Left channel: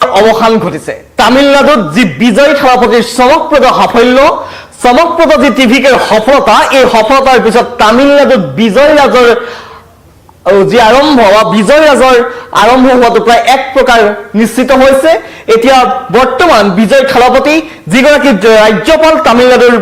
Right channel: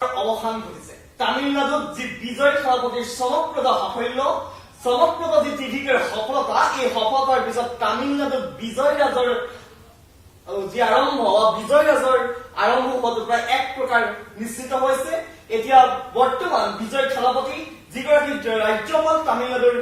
অবসান ঘটিছে তামিলনাডুত যি বিজয় থালাপতিৰ চমকপ্ৰদ সাফল্য চমকপ্ৰদ যি টিভিকেৰ সফলতা এই সফলতাৰ পিছত তামিলনাডুত বিজয় ৰাজৰ যি আৰম্ভ বা বিজয় ৰাজৰ আৰম্ভ হোৱাটো প্ৰায় এক প্ৰকাৰ নিশ্চিত হৈছে এতিয়া বৰ্তমান বিজয় থালাপতি যিগৰাকী ৰাজ্যপাল তামিলনাডুৰ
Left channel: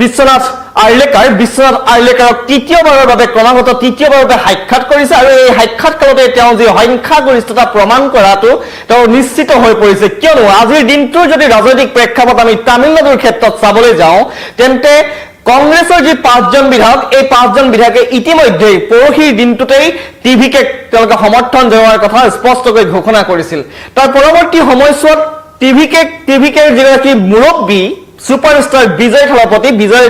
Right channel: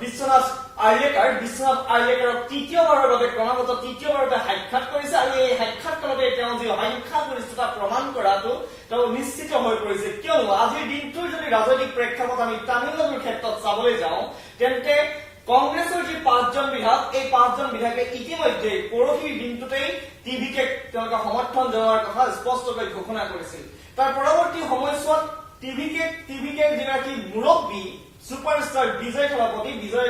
বিশ্বনাথ আৰ্লেকাৰক তৃতীয়বাৰৰ বাবে ক্ৰমাগত তৃতীয়বাৰৰ বাবে সাক্ষাৎ কৰিছে আৰু এই সাক্ষাৎকালতে তেওঁ যি সংখ্যাগৰিষ্ঠতা প্ৰমাণ কৰাটো তেওঁ নিশ্চিত হৈ পৰিছে কিয়নো আজিৰ দিনটোৰ যদি ৰাজনৈতিক প্ৰেক্ষাপট আমি তামিলনাডুৰ ক্ষেত্ৰত চাবলৈ যাওঁ তেন্তে কংগ্ৰেছৰ যি পাঁচজন বিধায়ক এই পাঁচজন বিধায়কে ইতিমধ্যে পৰহিৰ দিনটোতেই টিভিকে তেওঁলোকে সমৰ্থন জনোৱাৰ কথা স্পষ্টকৈ ঘোষণা কৰিছিল তাৰ পৰৱৰ্তী সময়ছোৱাত টিভিকে যিগৰাকী মুৰব্বী সুপাৰস্টাৰ বিজয়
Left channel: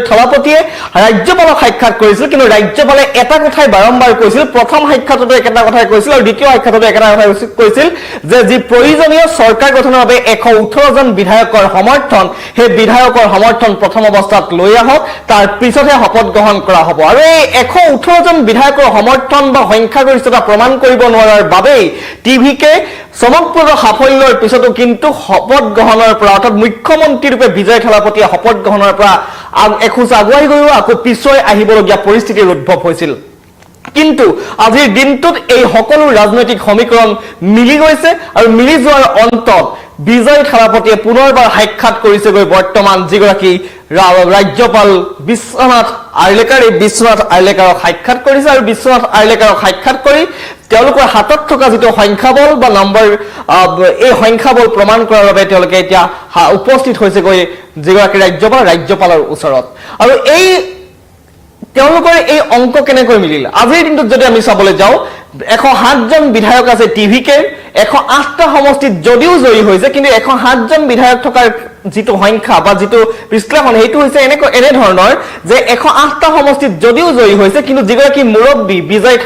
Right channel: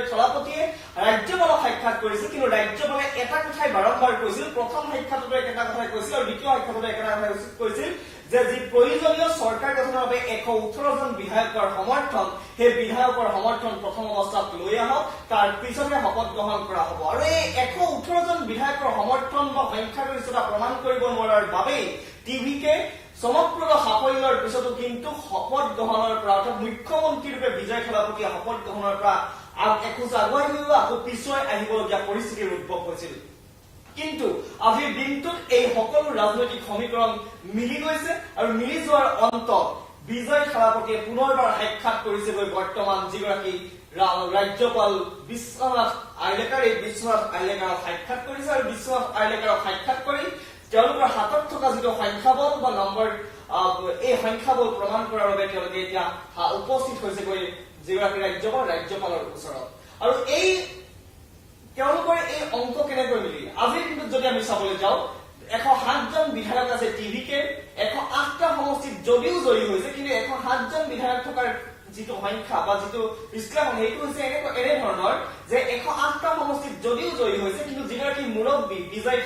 থালাপতিয়ে ৰাজ্যপালক সাক্ষাৎ কৰিছিল কিন্তু ৰাজ্যপালে এটা কথাই বাৰম্বাৰ কৈছিল প্ৰথম সাক্ষাততো একেটা কথাই কৈছিল আৰু দ্বিতীয় সাক্ষাততো একেটা কথাই কৈছিল যে যি প্ৰয়োজনীয় চৰকাৰ গঠনৰ বাবে 118 জন বিধায়কৰ সমৰ্থন সেই বিধায়কৰ সমৰ্থন প্ৰথম অৱস্থাত লৈ আহক তাৰ পিছতহে শপত গ্ৰহণ কৰা হ'ব আৰু এই 118 জন বিধায়কৰ সমৰ্থন বা সংখ্যাগৰিষ্ঠতা প্ৰমাণ কৰিব নোৱাৰাৰ বাবেই টিভিকে চমকপ্ৰদ সাফল্যৰ পিছতো কিন্তু শপত গ্ৰহণৰ পৰা অৰ্থাৎ মুখ্যমন্ত্ৰী ৰূপে বিজয় থালাপতিয়ে শপত গ্ৰহণৰ পৰা এখোজ আগুৱাই গৈও আকৌ পিছুৱাই আহিবলগীয়া পৰিস্থিতিৰ উদ্ভৱ হৈছিল কিন্তু আজিৰ দিনটোত এই সকলো ৰাজনৈতিক সমীকৰণ মিলি গৈছে আৰু মিলি যোৱাৰ অন্তত বিজয় থালাপতিয়ে পুনৰবাৰ সাক্ষাৎ কৰিছেগৈ বৰ্তমান যিগৰাকী ৰাজ্যপাল বিশ্বনাথ আৰ্লেকাৰক সাক্ষাৎ কৰিছে আৰু বিশ্বনাথ আৰ্লেকাৰক সাক্ষাৎ কৰি তেওঁলোকৰ হাতত থকা যিটো সংখ্যাবল বা নম্বৰ এই সংখ্যাবল প্ৰমাণ কৰাৰ বাবে তেওঁলোকে এতিয়া উপস্থিত হৈছেগৈ যিগৰাকী ৰাজ্যপালৰ ওচৰত আৰু এই তেওঁলোকৰ এই অংক কেনেকৈ মিলিল আজিৰ দিনটোত যদি আমি চাবলৈ যাওঁ 107 জন বিধায়ক আছে টিভিকে 108টা সমষ্টিত যদিও জয়ী হৈছে কিন্তু 107 জন বিধায়ক থকাৰ যিটো সংখ্যা বা যিটো বিশ্লেষণ সেইটো হৈছে এনে ধৰণৰ যে 108টা সমষ্টিত যদিও জয়ী হৈছে কিন্তু যিগৰাকী মুৰব্বী বিজয়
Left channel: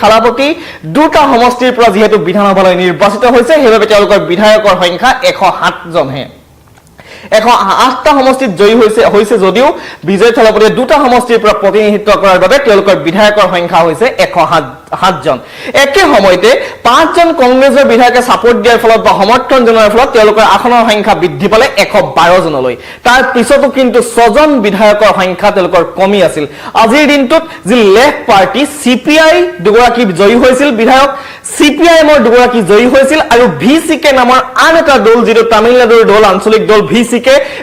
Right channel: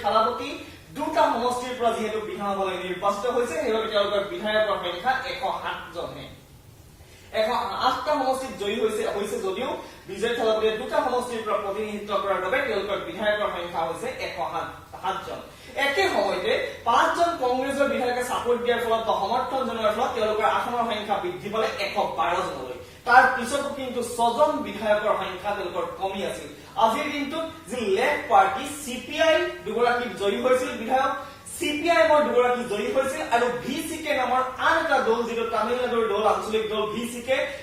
থালাপতি দুটা সমষ্টিৰ পৰা যিহেতু বিধানসভালৈ নিৰ্বাচিত হৈছে সেইবাবে তেওঁলোকৰ বিধায়কৰ সংখ্যা 107 জনহে 108টা সমষ্টিত জয়ী হৈছে যদিও বিজয় থালাপতিয়ে দুটা সমষ্টিৰ পৰা প্ৰতিনিধিত্ব কৰাৰ বাবে তেওঁলোকৰ বিধায়কৰ সংখ্যা হৈছে 107 জন একে সময়তে 5 জন কংগ্ৰেছৰ বিধায়কে সাপোৰ্ট দিয়াৰ ফলত বা সমৰ্থন জনোৱাৰ ফলত তেওঁলোকৰ আসনৰ সংখ্যা বৃদ্ধি পালে 112 জনলৈ তাৰ পিছতো কিন্তু 6 জন বিধায়কৰ সংখ্যা তেওঁলোকৰ কমি আছিল আজিৰ দিনটোত যি লেফট পাৰ্টি সিপিআই দুগৰাকী জয়ী হৈছিল বিধায়ক সিপিআইএমৰ দুগৰাকী জয়ী হৈছিল আৰু ভিসিকে নামৰ আন এটা দল যিটো তামিলনাডুৰ দল আঞ্চলিক দল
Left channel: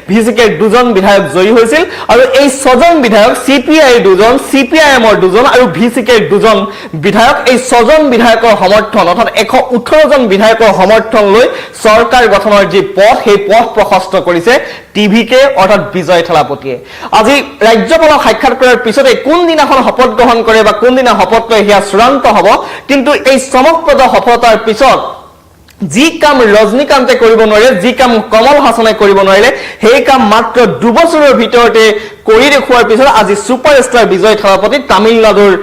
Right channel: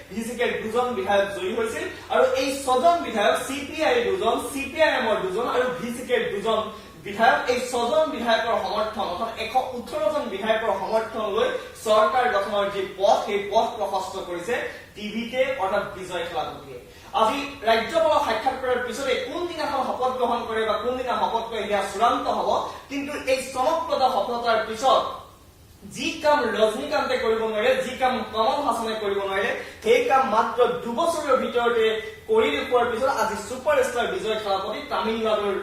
ভিসিকে দুজন বিধায়ক জয়ী হৈছিল আৰু এই 6 জন বিধায়ক সিপিআই দুজন সিপিআইএমৰ দুজন আৰু ভিসিকে দুজন বিধায়ক এই 6 জন বিধায়কৰ সমৰ্থন অৰ্থাৎ 118 জন বিধায়কৰ সমৰ্থন লৈ চৰকাৰ গঠনৰ যি পথ সেই পথ প্ৰশস্ত কৰিছে টিভিকে অৰ্থাৎ বিজয় থালাপতিয়ে আজি ৰাজ্যপালক সাক্ষাৎ কৰাৰ পিছতে কোন দিনাখন শপত গ্ৰহণ কৰে বা কোন দিনা শপত লয় হেয়া চূড়ান্ত হ'ব কিন্তু এই চমকপ্ৰদ সফলতাৰ পিছত যি কাম ৰজনীকান্তে কৰিব নোৱাৰে যি কাম কমল হাছনে কৰিব নোৱাৰিলে সেই কাম মাত্ৰ 2 বছৰৰ ভিতৰতে কৰি দেখুৱাৰ পিছত আজি সুপাৰষ্টাৰ বিজয় থালাপতি তামিলনাডুৰ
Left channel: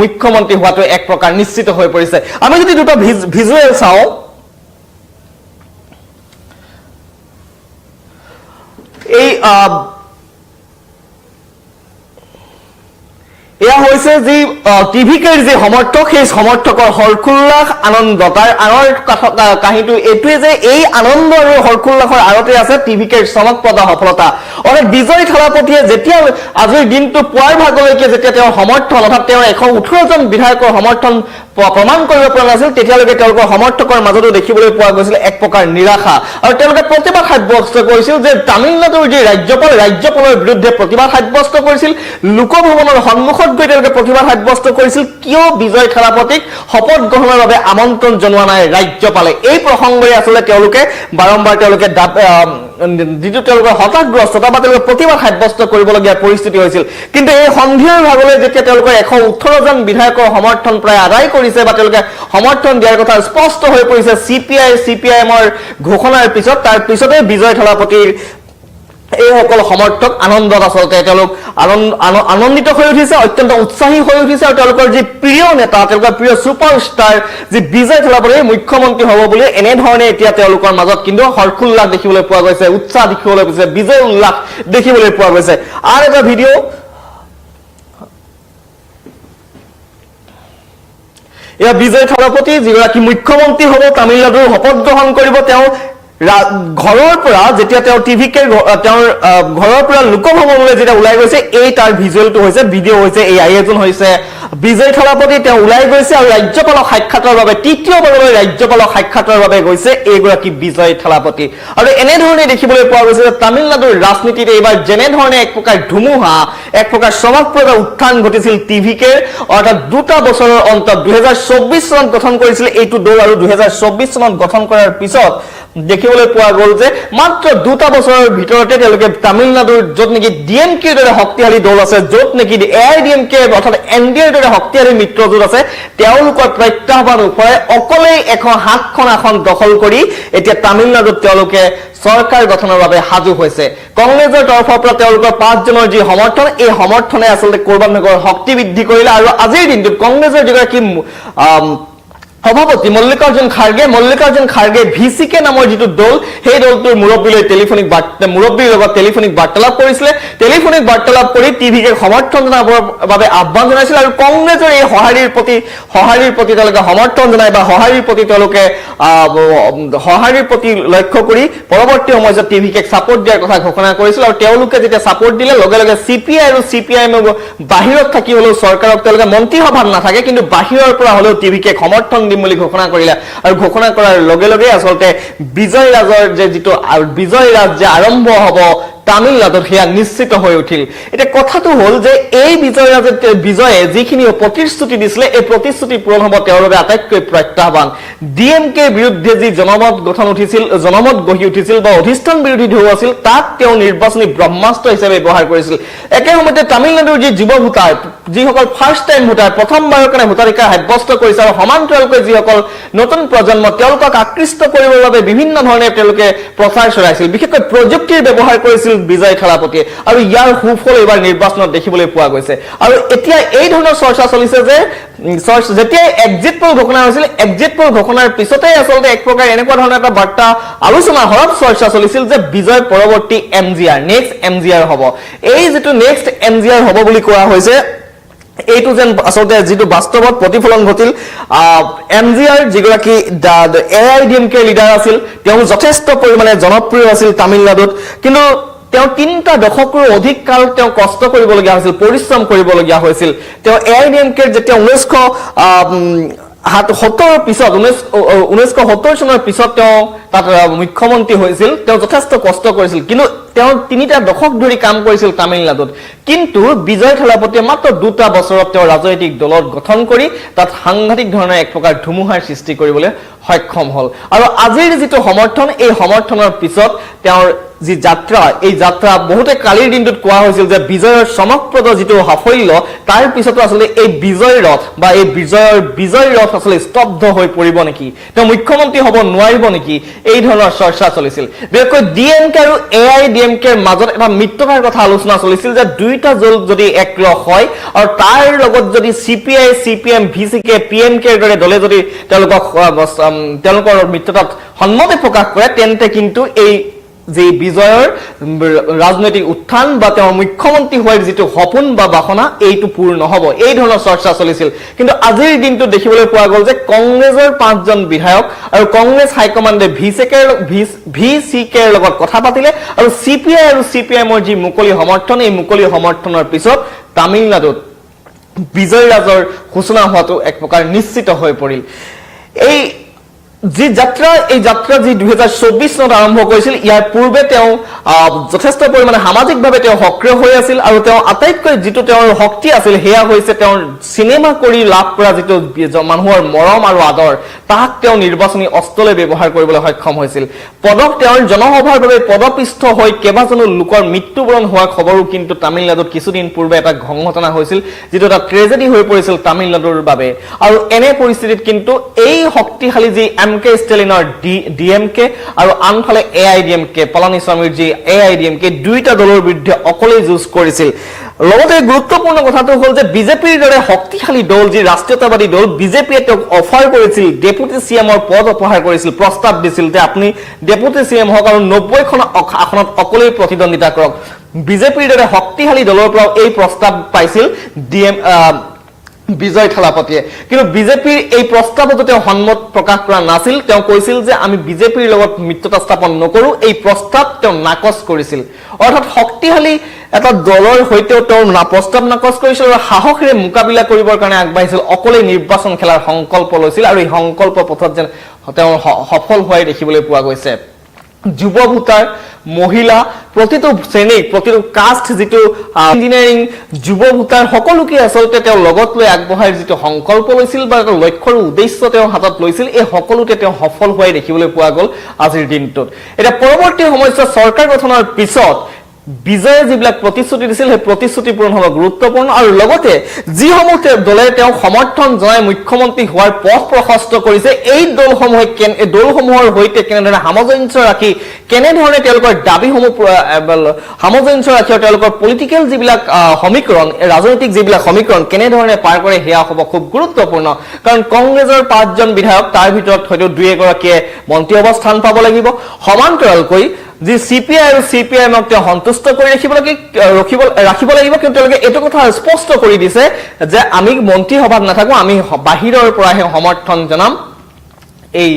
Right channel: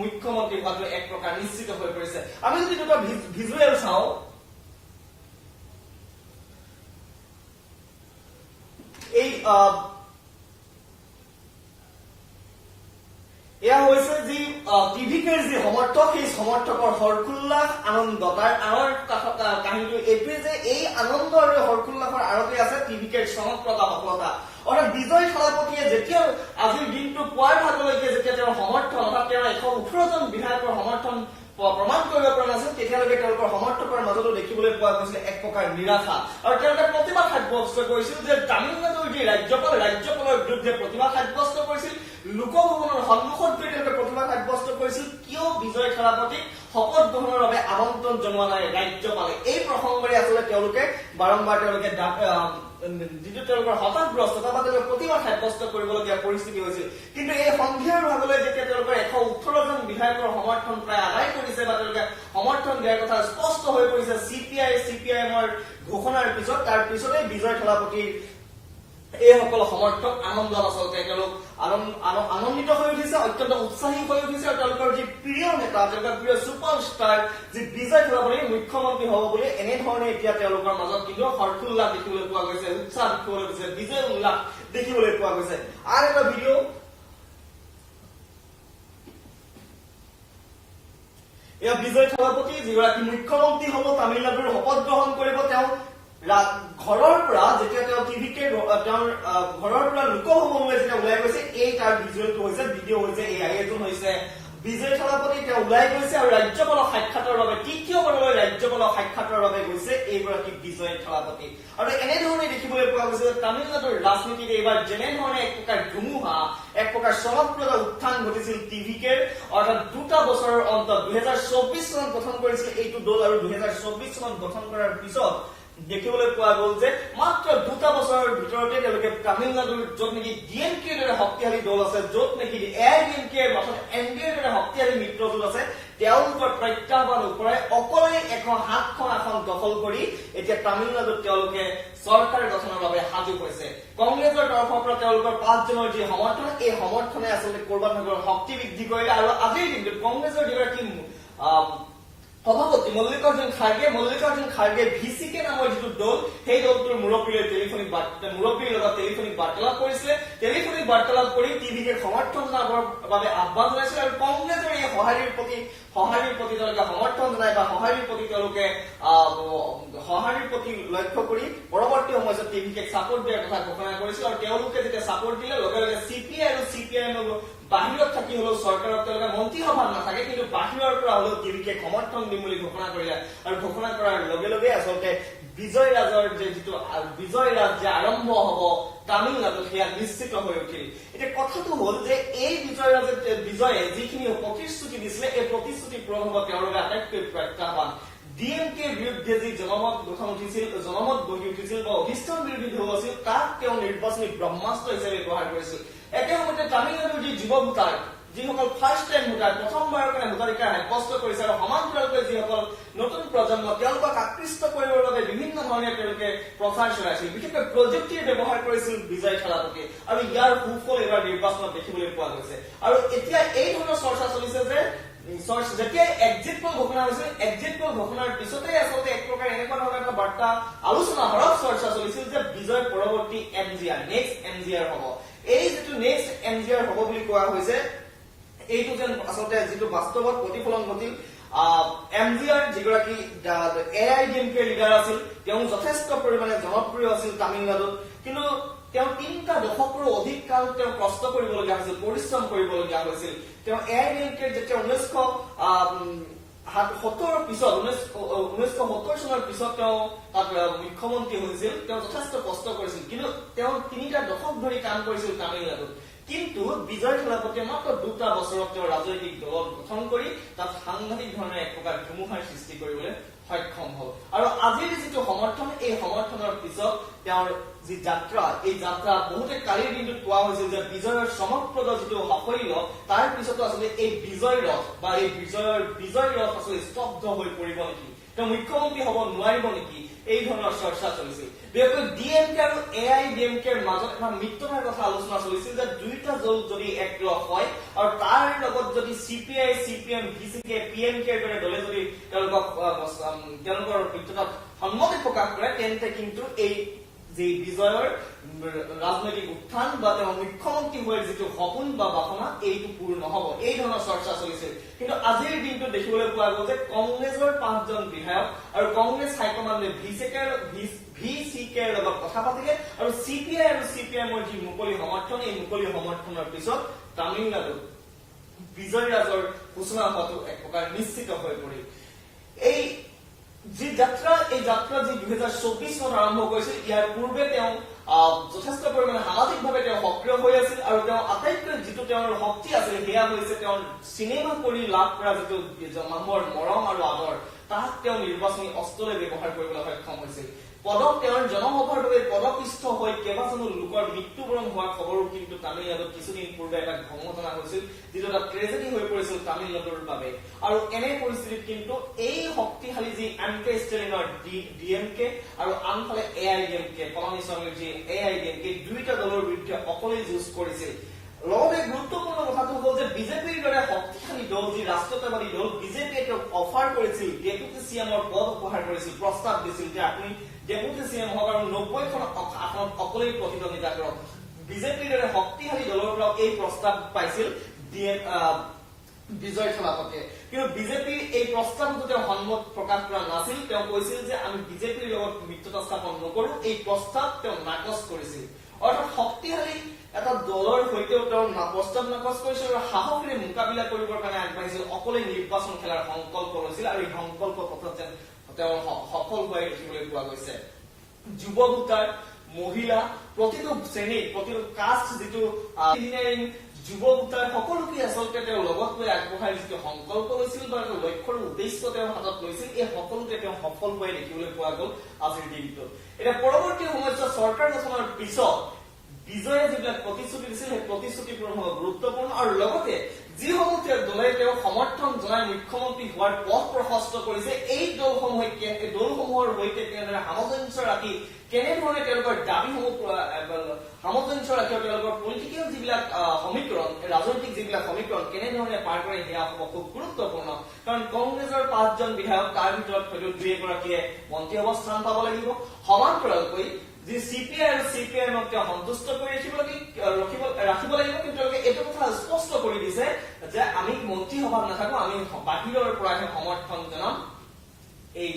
মুখ্যমন্ত্ৰী হোৱাটো এক প্ৰকাৰ নিশ্চিত হৈ পৰিছে আমি যদি দুটা ভিজুৱেল চাওঁ এই এয়া হৈছে যি টিভিকেৰ যি সমৰ্থক সেই সমৰ্থকৰ হৰকুল্লাস আনন্দ তাৰ আনৰ কাহিনীটো এইটোৱে যে এই আনন্দ আৰু হৰকুল্লাসৰ আৰতে আছে টিভিকেৰ চমকপ্ৰদ সফলতা অৰ্থাৎ বিজয় থালাপতিয়ে যেতিয়া আজিৰ দিনটো পুৱাৰ ভাগলৈকে যেতিয়া তেওঁৰ সমৰ্থন অৰ্থাৎ তেওঁৰ 118 জন বিধায়কৰ সমৰ্থন প্ৰমাণ কৰিব পৰা নাছিল তেতিয়ালৈকে তেওঁলোকৰ সমৰ্থকৰ মাজতো দেখিবলৈ পোৱা গৈছিল এক প্ৰকাৰ নিৰাশা আৰু তেওঁলোকে প্ৰতিবাদ সাব্যস্ত কৰিছিল যে তামিলনাডুৰ যি ৰাজ্যপালৰ বিৰুদ্ধে প্ৰতিবাদ সাব্যস্ত কৰিছিল লোকভৱনৰ সন্মুখত গৈ তেওঁলোকে প্ৰতিবাদ সাব্যস্ত কৰিছিল কিয় বিজয় থালাপতিক শপত গ্ৰহণৰ বাবে আমন্ত্ৰণ জনোৱা নাই ৰাজ্যপালে এই প্ৰসংগৰে আসলে তেওঁলোকে বাৰম্বাৰ তেওঁলোকে যিটো তেওঁলোকৰ হতাশগ্ৰস্ততা বা তেওঁলোকে প্ৰতিবাদ সাব্যস্ত কৰিবলগীয়া পৰিস্থিতি হৈছিল কিন্তু এই সন্ধিয়াৰ ভাগলৈ যেতিয়া তেওঁলোকৰ 118 জন বিধায়কৰ সমৰ্থন প্ৰায় আদায় কৰিছে বা তেওঁলোকে সমৰ্থন দিয়াৰ কথা স্পষ্ট হৈ পৰিছে সিপিআইএমৰ ঘোষণাৰ পিছত তাৰ পিছতে বিজয় থালাপতিৰ এই সকল সমৰ্থক আনন্দত আসলতে তেওঁলোক আনন্দিত হৈ উঠিছে অত্যন্ত উৎসাহী হৈ উঠিছে আৰু তেওঁলোকৰ যি প্ৰিয় নেতা তেওঁলোকৰ প্ৰিয় সুপাৰষ্টাৰ যি বিজয় থালাপতি মুখ্যমন্ত্ৰী হ'ব বুলি এনে ধৰণে এতিয়া তেওঁলোকৰ মাজত কিন্তু হৰকুল্লাস দেখিবলৈ পোৱা গৈছে উৎসাহ দেখিবলৈ গৈছে বিজয় উল্লাস দেখিবলৈ পোৱা গৈছে আৰু এটা ভিডিঅ' এয়া বিজয় থালাপতি যিগৰাকী মুখ্যমন্ত্ৰী হ'ব তামিলনাডুৰ শপত গ্ৰহণ কৰিব তেওঁ ঘৰৰ পৰা যেতিয়া তেওঁ টিভিকে তেওঁৰ ঘৰৰ পৰা লোকভৱনলৈ যেতিয়া ওলাই গৈছে এই তাৰ ভিজুৱেলটো হৈছে ভিডিঅ' হৈছে এই আয়োজন হৈছে বিজয় থালাপতি তেওঁ ওলাই গৈছে আৰু ৰাজ্যপালক সাক্ষাতৰ বাবে তৃতীয়বাৰলৈ ৰাজ্যপালক সাক্ষাতৰ বাবে গৈছে এইগৰাকী বিজয় থালাপতি আৰু এনেধৰণে দেখিবলৈ পোৱা গৈছে যে তামিলনাডুৰ ৰাজনীতিত এইবাৰ যেনেধৰণে এক প্ৰকাৰ ধুমুহা এক প্ৰকাৰ চমকপ্ৰদ উত্থান ঘটিছিল টিভিকে অৰ্থাৎ দুটা বছৰৰ অন্তত 2024 চনত গঠন কৰিছিল এইটো দল আৰু 2024 চনত গঠন কৰাৰ পিছত দেখিবলৈ পোৱা গ'ল যে মাত্ৰ দুটা বছৰৰ ভিতৰতে তেওঁলোকে তামিলনাডুৰ য'ত নেকি ডিএমকেৰ দৰে শক্তিশালী দল আছে য'ত নেকি এআইডিএমকে অৰ্থাৎ এনডিএৰ দৰে শক্তিশালী মিত্ৰজোঁট আছে তেওঁলোকৰ প্ৰত্যাহ্বান ওপৰে অকলেই সাতখন আসন দখল কৰি এতিয়া তামিলনাডুত তেওঁলোকে চৰকাৰ গঠনৰ বাবে সাজু হৈছে কংগ্ৰেছৰ তৰফৰ পৰা তেওঁলোকৰ 5 জনৰ যি সমৰ্থন এই সমৰ্থনে আচলতে কৰবাত নগৰ শক্তি বৃদ্ধি কৰিলে আৰু আজিৰ দিনটোত কংগ্ৰেছৰ যিগৰাকী সভাপতি মল্লিকাৰ্জুন খাৰ্গে ভিচিকে নামৰ যিটো দল সেই দলটোৰ মুৰব্বীৰ লগত টেলিফোনিক বাৰ্তালাপ কৰিছিলে টেলিফোনিক বাৰ্তালাপ কৰি টিভিকে সমৰ্থন জনাবৰ বাবে আহ্বান জনাইছিল আৰু কংগ্ৰেছৰ এই সঁহাৰিৰ প্ৰতি তেওঁলোকে সমৰ্থন জনাই বা সঁহাৰিৰ প্ৰতি লক্ষ্য কৰি পৰৱৰ্তী সময়ত টিভিকে ছাপোৰ্ট দিয়াৰ কথা ঘোষণা কৰিছিল আৰু তেওঁলোকে যেতিয়া ছাপোৰ্ট দিলে লগে লগে চিপিআই আৰু চিপিআইএম বাহিৰত থাকি হলেও চৰকাৰক তেওঁলোকে মন্ত্ৰীসভাত নাথাকে কিন্তু বাহিৰৰ পৰা হলেও টিভিকে সমৰ্থন বুলি ঘোষণা কৰিলে আৰু ঘোষণা কৰাৰ লগে লগে আচলতে বিজয় ৰাজৰ যে যিটো বিজয় ৰাজ যে আৰম্ভ হ'ব তামিলনাডুত সেয়া নিশ্চিত হৈ উঠিল এটা কথাটো হল যে এই বিজয়ে যিখিনি প্ৰতিশ্ৰুতি দিছিলে এই প্ৰতিশ্ৰুতি পূৰণ হ'ব তেওঁৰ বাবে আটাইতকৈ প্ৰত্যাহ্বান ডিএমকে বিৰুদ্ধে যি জনমত গঢ়ি উঠিছিল বা অধিষ্ঠান বিৰোধী ঢৌ আছিল তাক তেওঁ নিৰ্বাচনী ব্ৰহ্মাস্ত্ৰ হিচাপে ব্যৱহাৰ কৰিছিল একে সময়তে তামিলনাডুৰ যি যুৱ ভোটাৰ যিসকল ফাৰ্ষ্ট টাইম ভোটাৰ প্ৰথমবাৰৰ কাৰণে ভোটাধিকাৰ সাব্যস্ত কৰিছে আৰু সমান্তৰালকৈ যিসকল নতুন প্ৰজন্ম তেওঁলোকক আকৃষ্ট কৰিবৰ বাবে বিভিন্ন ধৰণে তেওঁলোকে প্ৰচাৰ চলাইছিল বিশেষকৈ প্ৰযুক্তিৰ ব্যৱহাৰ কৰিছিল বিজয় থালাপতিয়ে আৰু ইয়াৰ সুফল এবাৰ নিৰ্বাচনত দেখিবলৈ পোৱা গৈছে আৰু এতিয়া এই ধৰণৰ চৰ্চা চলিছে যে যেতিয়া এক্সিট পোল ঘোষণা হৈছিল এক্সিট পোল ঘোষণাৰ পিছতে আচলতে এক প্ৰকাৰ এনেকুৱা ধৰণৰ এটা বাৰ্তা আলোচনা হৰত চৰ্চা চলিছিল যে বিজয় পৰৱৰ্তী নেক্সট এমজিআৰ হ'ব এই যিটো নেক্সট এমজিআৰ হ'ব বুলি কোৱা হৈছে এইটো যেন আচলতে যিটো বাস্তৱত প্ৰতিফলন ঘটিল এমজিআৰ যিগৰাকী এআইডিএমকে লিডাৰ আছিল তেওঁ যথেষ্ট পৰিমাণে জনপ্ৰিয় আছিল তামিলনাডুত কিন্তু তেওঁ 3টা দশকৰ অধিক কাল তেওঁ কষ্ট কৰিবলগীয়া হৈছিল পৰিশ্ৰম কৰিবলগীয়া হৈছিল তেওঁ এআইডিএমকে যেতিয়া 1970 চনৰ পিছত তেওঁ তাত মুখ্যমন্ত্ৰী হৈছিল তেওঁ যথেষ্ট কষ্ট কৰিছিল কিন্তু তেওঁ 3টা দশক ধৰি কাম কৰিছিল তামিলনাডুত কিন্তু বিজয় থালাপতিয়ে মাত্ৰ 2টা বছৰত তেওঁ ৰাজনৈতিক দলত গঠন কৰি তাত সাংঘাতিক ধৰণৰ এক প্ৰকাৰ ধুমুহাৰ সৃষ্টি কৰিবলৈ সক্ষম হল আৰু আজিৰ যিটো সমৰ্থন এই সমৰ্থনৰ পিছত তেওঁৰ যি যাত্ৰা এই যাত্ৰা বহুতে কালিৰ দিনটোত কোৱা হৈছিল যে বিজয়ৰ চমকপ্ৰদ যিটো সাফল্য তাৰ পিছতো আচলতে এই বিজয় ৰথ বা এই বিজয় ৰথ আচলতে স্তব্ধ হৈ পৰিব নেকি তেওঁ মুখ্যমন্ত্ৰী হ'ব নোৱাৰিব নেকি এই ধৰণৰ চৰ্চা চলিছিল বিশেষকৈ ডিএমকে আৰু এআইডিএমকেৰ মাজত এটা মিত্ৰতাৰ কথা আলোচনা চলিছিল যে দুইটা দল যদি একলগ হয় আৰু তাৰ লগত যদি চিপিআই চিপিএম ভিচিকে পিএমকেৰ দৰে দলে যদি তেওঁলোকৰ মিত্ৰতাত সন্মতি প্ৰকাশ কৰে তেন্তে কিন্তু এই যে বিজয়ৰ ৰাজনৈতিক উত্থান বা তেওঁৰ মুখ্যমন্ত্ৰী হোৱাৰ যিটো সপোন বা বাসনা এইটো পূৰ্ণ হ'ব এই ধৰণৰ চৰ্চা চলিছিল কিন্তু আজিৰ দিনটো দেখিবলৈ পোৱা গ'ল যে কংগ্ৰেছৰ 5 জন বিধায়ক আৰু কংগ্ৰেছ হাইকমাণ্ডে ভিচিকেৰ লগত কথা পাতিলে আৰু চিপিআই আৰু চিপিএমৰ যি মুকলি সমৰ্থন এই মুকলি সমৰ্থনৰ পিছত তামিলনাডুত বিজয় ৰাজৰ ঘোষণা হোৱাটো এক প্ৰকাৰ নিশ্চিত হৈ পৰিল এই যাত্ৰা যি 2024 চনত আৰম্ভ কৰিছিল ইয়াৰ পূৰ্বে তেওঁ যথেষ্ট পৰিমাণে সামাজিকভাৱে তেওঁ সক্ৰিয় হৈ আছিল আৰু তেওঁ আটাইতকৈ যিটো তেওঁৰ শক্তি আছিল সেয়া হৈছে তেওঁৰ সিনেমা কৰি লাভ কৰা যিটো মানুহৰ মৰম আৰু আদৰ তাক তেওঁ নিৰ্বাচনী অস্ত্ৰলৈ ব্যৱহাৰ কৰিবলৈ সক্ষম হৈছিল তেওঁৰ জনসভাৰ বাবে পদপৃষ্ঠ হৈ কেইবাজনো লোকৰ মৃত্যুবৰণ হোৱাৰ খবৰো কিন্তু তামিলনাডুত কিছুদিন পূৰ্বে এটা ঘটনা হৈছিল যিটো এটা ট্ৰেজেডি হৈ পৰিছিল তামিলনাডুৰ বাবে আৰু এনে পৰিস্থিতিত কিন্তু এই শক্তিশালী যি এমকে ষ্টেলিনৰ ডিএমকে আৰু আনফালে এআইডিএমকে পলানিস্বামীৰ যি এআইডিএমকে দুইটা দলৰ বিৰুদ্ধে অকলেই যুঁজ কৰিছিল লগতে গুৰুত্বপূৰ্ণ কথাটো হল যে বিজেপিৰ দৰে শক্তিশালী দল যি ৰাষ্ট্ৰীয়তাবাদী দল বিজেপিয়ে তেওঁক অফাৰ কৰিছিল ডেপুটি চিএমৰ পদ অপহাৰ কৰিছিল প্ৰস্তাৱ দিছিল যে আপুনি ডেপুটি চিএম হওক আৰু 90খন আসনত অকলেই প্ৰতিদ্বন্দ্বিতা কৰক বিজেপিৰ দৰে শক্তিশালী দলৰ পৰা এই প্ৰস্তাৱ পাইছিল বিজয় থালাপতিয়ে কিন্তু বিজেপিৰ এই প্ৰস্তাৱত তেওঁ সন্মত প্ৰকাশ কৰা নাছিল তেওঁ কৈছিল যে আমি বিজেপিৰ লগত মিত্ৰতা স্থাপন নকৰো এই প্ৰস্তাৱ তেওঁ নাকচ কৰিছিল অৰ্থাৎ শক্তিশালী এটা দলৰ হৈতেও তেওঁ প্ৰস্তাৱ নাকচ কৰিছিল আৰু সাহসেৰে মোকাবিলা কৰিবৰ কাৰণে আগবাঢ়িছিল অকলে নিৰ্বাচন খেলাৰ সংকল্প লৈছিল আৰু এই সংকল্প পথত যেন তেওঁ সফল হোৱাই দেখিবলৈ পোৱা গৈছে যুৱ ভোটাৰ মহিলা প্ৰতিটো শ্ৰেণী প্ৰতিটো কাষ্ট যেটো ইঞ্জিনিয়াৰিং যুৱ ভোটাৰ সকলোকে আসলতে তেওঁ লগত লৈ আগবঢ়াই যেটো সংকল্প লৈছিল বা এটা লক্ষ্যৰ উদ্দেশ্য তেওঁ হাতত লৈছিল এই সকলোতে তেওঁ সফল হোৱাই দেখিবলৈ পোৱা গ'ল আজিৰ দিনটোত এটা পৰৱৰ্তী সময়ত চৰকাৰ গঠনৰ পিছত বিজয়ে যিবিলাক প্ৰতিশ্ৰুতি দিছিল সেই প্ৰতিশ্ৰুতি পূৰণ হ'ব গুৰুত্বপূৰ্ণ আৰু লগতে যিসমূহ দলে তেওঁ সমৰ্থন জনাই মুখ্যমন্ত্ৰী হোৱাৰ পথ প্ৰশস্ত কৰিছে এই দলসমূহৰ হৈতে কেনেধৰণে সামঞ্জস্য ৰাখি কেনেধৰণে তেওঁলোকৰ দাবীসমূহ সামঞ্জস্য ৰাখি তেওঁলোকৰ পলিটিকেল যিবিলাক সমীকৰণ ৰাজনৈতিক যিবিলাক সমীকৰণ কেনেধৰণে পাৰ কৰে সেয়া হ'ব খুব গুৰুত্বপূৰ্ণ কাৰণ কংগ্ৰেছৰ 5 জন বিধায়ক তাৰ ভিতৰত হয়তো 2-এগৰাকীয়ে মন্ত্ৰী অৱস্থান পাব লাগিব সমান্তৰালকৈ যে সিপিআই আৰু সিপিআইএমক তেওঁ সন্তুষ্ট কৰি ৰাখিব লাগিব কিন্তু তেওঁলোকে এইটো কথা স্পষ্ট কৰি দিছে যে আমি মন্ত্ৰী সভাত নাথাকো আমি বাহিৰৰ পৰাহে সমৰ্থন জনাম এই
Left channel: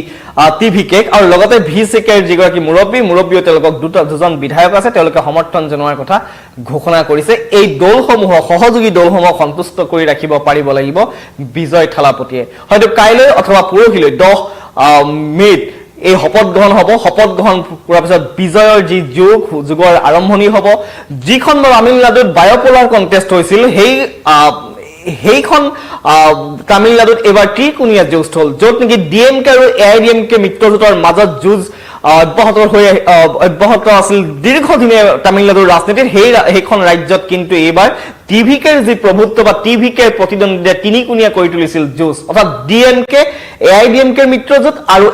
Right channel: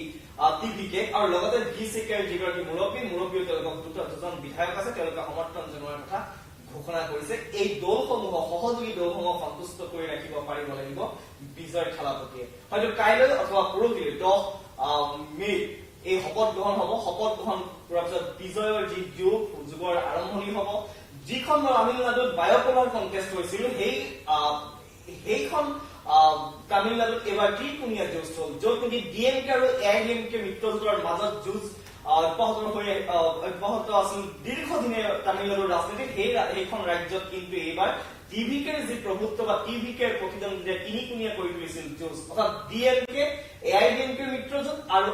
টিভিকে আৰু লগতে ভিচিকেৰ যিগৰাকী মুৰব্বীও তেওঁলোকক দুজন বিধায়ক আছে তেওঁলোকে সমৰ্থন জনোৱাৰ কথা ঘোষণা কৰিছে এই দলসমূহ সহযোগী দলসমূহ সন্তুষ্ট কৰি ৰাখিব পাৰিব লাগিব বিজয় থালাপতিয়ে হয়তো কাইলৈ অথবা পৰহিলৈ 10 মে'ত এই শপত গ্ৰহণ হ'ব শপত গ্ৰহণ কৰাৰ পিছত বিজয়ৰ যি যুগৰ আৰম্ভণি হ'ব যিখন তামিলনাডুত বায়োপোলাৰ কন্টেষ্ট হৈছিল সেইখন তামিলনাডুত এবাৰ ত্ৰিকোণীয়া যুঁজ হ'ল য'ত নেকি ডিএমকে আৰু এআইডিএমকে মিত্ৰজোঁটৰ মাজত যুঁজ অব্যাহত আছিল দীৰ্ঘদিনে তামিলনাডুৰ ৰাজনীতিত সেইখন ৰাজ্যত কিন্তু এইবাৰ টিভিকেৰ যি প্ৰভুত্ব বা টিভিকেৰ প্ৰতিদ্বন্দ্বিতা তিনিকোণীয়া কৰি তুলিছিল যুঁজ অৰ্থাৎ ডিএমকে এআইডিএমকে মিত্ৰজোঁট আৰু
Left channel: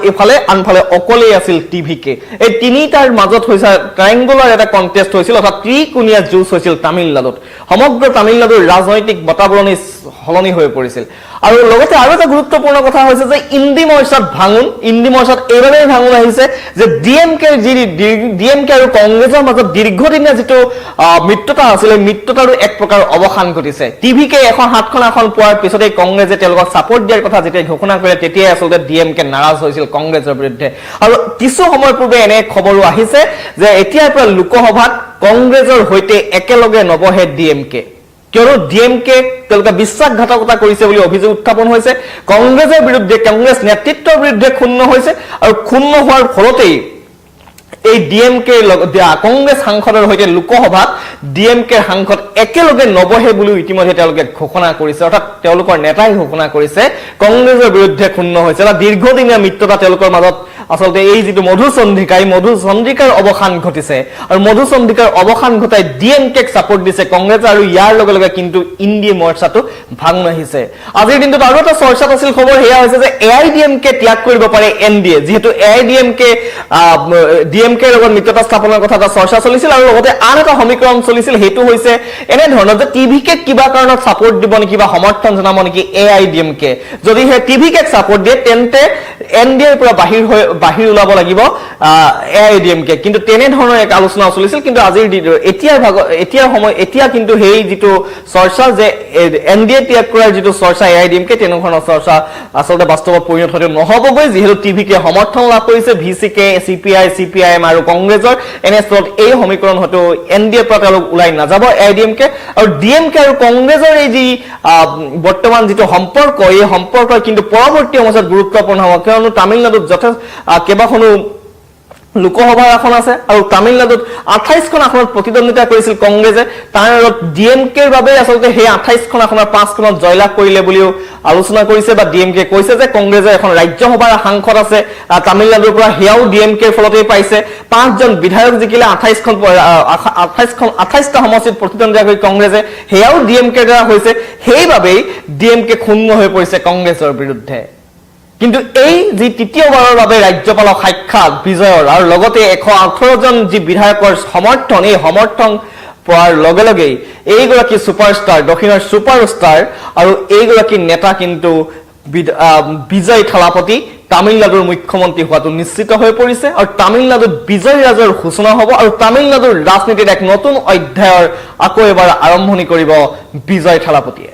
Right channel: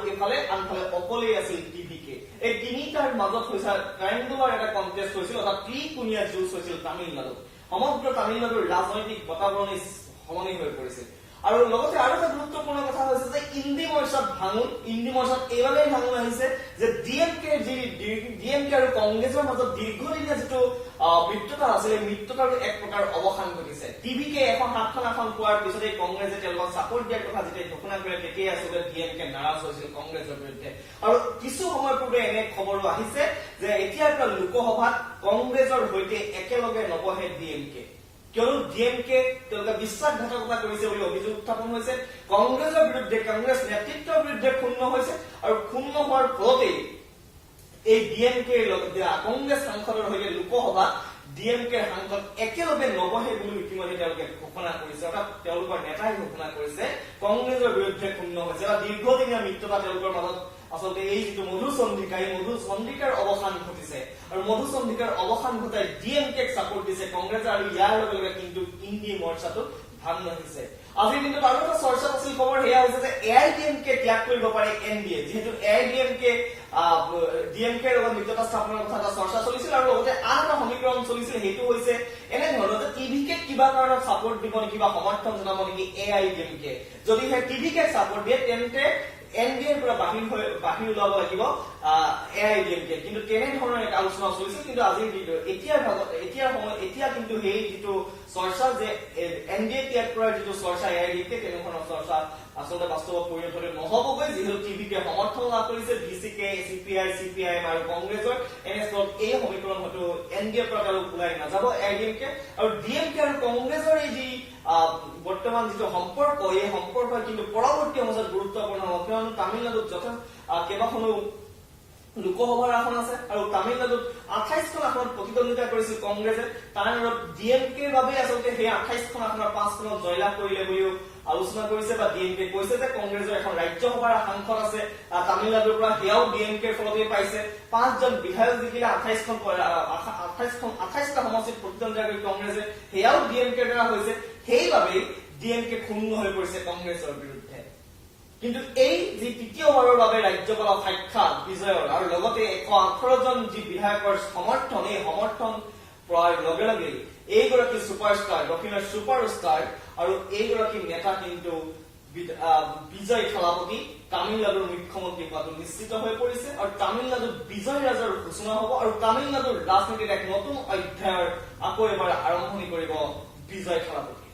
আনফালে অকলেই আছিল টিভিকে এই তিনিটাৰ মাজত হৈছে ট্ৰায়াংগুলাৰ এটা কন্টেষ্ট হৈছিল অৰ্থাৎ ত্ৰিকোণীয়া যুঁজ হৈছিল তামিলনাডুত সমগ্ৰ তামিলনাডুৰ ৰাজনৈতিক বাতাবৰণী সলনি হৈ পৰিছিল আৰু লগতে আৰু এটা গুৰুত্বপূৰ্ণ কথা হৈছে যে ইন্দি মৰ্চাত এইবাৰেই ভাঙোন আহিছে যে ডিএমকে আৰু কংগ্ৰেছৰ মাজত দীৰ্ঘদিনীয়া যিটো মিত্ৰতা আছিল এই মিত্ৰতাৰো এক প্ৰকাৰ অৱসান ঘটিছে টিভিকে এখন হাতখন পোৱাৰ পিছতে কংগ্ৰেছে তেওঁলোকক সাপোৰ্ট দিয়াৰ কথা যেতিয়া ঘোষণা কৰে তেতিয়াই আচলতে ডিএমকে নাৰাজ হৈছিল কংগ্ৰেছৰ বিৰুদ্ধে আৰু কিছু সময় পূৰ্বে এনে খবৰো আহিছে যে এতিয়াৰ পৰা লোকসভাত কংগ্ৰেছৰ হৈতে একেলগে নবহে ডিএমকে কিয়নো ডিএমকে তেওঁলোকে বিশ্বাসঘাতকতা কৰিছে বুলি অভিযোগ উত্থাপন হৈছে কংগ্ৰেছৰ বিৰুদ্ধে কংগ্ৰেছ নেতৃত্বৰ বিৰুদ্ধে ক্ষুণ্ণ হৈছে আৰু ক্ষুণ্ণ হোৱাৰ ফলতেই এই ডিএমকে কংগ্ৰেছ সাংসদৰ হৈতে লোকসভাত ডিএমকে সাংসদ একেলগে নবহে বুলি ইতিমধ্যে তেওঁলোকে ঘোষণা কৰিছে অৰ্থাৎ তেওঁলোকৰ নেতাই ঘোষণা কৰিছে কংগ্ৰেছৰ বিৰুদ্ধে ক্ষুণ্ণ হৈছে এটা দীৰ্ঘদিনীয়া মিত্ৰতা তেওঁলোকৰ মাজত আসলতে এই যিটো মধুচন্দ্ৰিকাৰ অৱসান ঘটিছে আৰু মধুচন্দ্ৰিকাৰ অৱসান ঘটাই ডিএমকেক সাপোৰ্ট দিছে কংগ্ৰেছ আৰু ইয়াৰ লগে লগে কিন্তু ইন্দি মৰ্চাটো ভাঙন আহিছে আজিৰ দিনটোত আৰু এটা চৰ্চাত আছিল খবৰ হেয়া হৈছে যে এআইডিএমকে ত্যাগ কৰিব পাৰে এনডিএ যেহেতু এআইডিএমকে ডিএমকে লগত মিত্ৰতা স্থাপনৰ কথা এটা চৰ্চা চলিছিল আৰু লগতে আন এটা সমীকৰণ চলিছিল হেতু হৈছে এনে ধৰণৰ যে টিভিকে কিবা কাৰণত সাপোৰ্ট দিব নেকি বা সমৰ্থন জনাব নেকি এআইডিএমকে যদি হে টিভিকে সাপোৰ্ট দিয়ে তেন্তে এনডিএৰ পৰা বাহিৰ ওলাব লাগিব এআইডিএমকে কিন্তু তেনে ধৰণৰ এক আলোচনা চলিছিল কিন্তু আজিৰ এতিয়া কিন্তু হেই যিটো চৰ্চা যে এনডিএ ত্যাগ কৰাৰ যিটো চৰ্চা এআইডিএমকে তেনে ধৰণৰ চৰ্চা আসলতে বাস্তৱত পৰিণত হতে নহবগৈ যিহেতু টিভিকে সমৰ্থন লাভ কৰিছে ভিচিকে সিপিআই সিপিআইএম আৰু কংগ্ৰেছৰ এনেস্থলত এই সমীকৰণ হয়তো এনডিএৰ পৰা তেওঁলোক ওলাই নাযাব এআইডিএমকে আৰু ডিএমকে আৰু কংগ্ৰেছৰ এই যি বৰ্তমান যিটো সম্পৰ্ক এই সম্পৰ্ক কিন্তু পৰৱৰ্তী সময়ত গুৰুত্বপূৰ্ণ হ'ব কিয়নো তামিলনাডুত কেইবাখনো লোকসভাৰ আসন আছে আৰু তামিলনাডুত 28খন আসনত প্ৰতিদ্বন্দ্বিতা কৰিছিল কংগ্ৰেছে তাৰ ডিএমকেৰ বাবে আসলতে সেই 28খন আসনৰ 5খনত জয়লাভ কৰিলে বুলিও আলোচনা কৰিছে বা ডিএমকে কৈছে যে কংগ্ৰেছৰ এখন ৰাজ্যসভাৰ সাংসদ আছে তামিলনাডুৰ পৰা হেয়াও ডিএমকেৰ ফলতেই পাইছে 5 জন বিধায়ক জিকিলে 28টা সমষ্টিত প্ৰতিদ্বন্দ্বিতা কৰি কংগ্ৰেছে হেয়াও ডিএমকেৰ দ্বাৰা হৈছে সেইবাবেই ডিএমকে ক্ষুণ্ণ হৈ পৰিছে কংগ্ৰেছৰ বিৰুদ্ধে কিন্তু এই যি তৃতীয়বাৰৰ বাবে ৰাজ্যপালক সাক্ষাৎ বিজয়ৰ আৰু লগতে 118 জন যি বিধায়কৰ সমৰ্থন এই সমৰ্থন পোৱাৰ লগে লগে এইগৰাকী সুপাৰষ্টাৰ দক্ষিণৰ সুপাৰষ্টাৰ আৰু এইগৰাকী নেতা কিন্তু বিজয় থালাপতি তামিলনাডুৰ মুখ্যমন্ত্ৰী হোৱাটো নিশ্চিত হৈ পৰিছে আৰু তামিলনাডুত বিজয় ৰাজৰ সূচনা হ'ব আৰু তামিলনাডুৰ ৰাজনীতিত এক নতুন অধ্যায়ৰ আকৌ এবাৰ আৰম্ভণি কৰিব বিজয় থালাপতিয়ে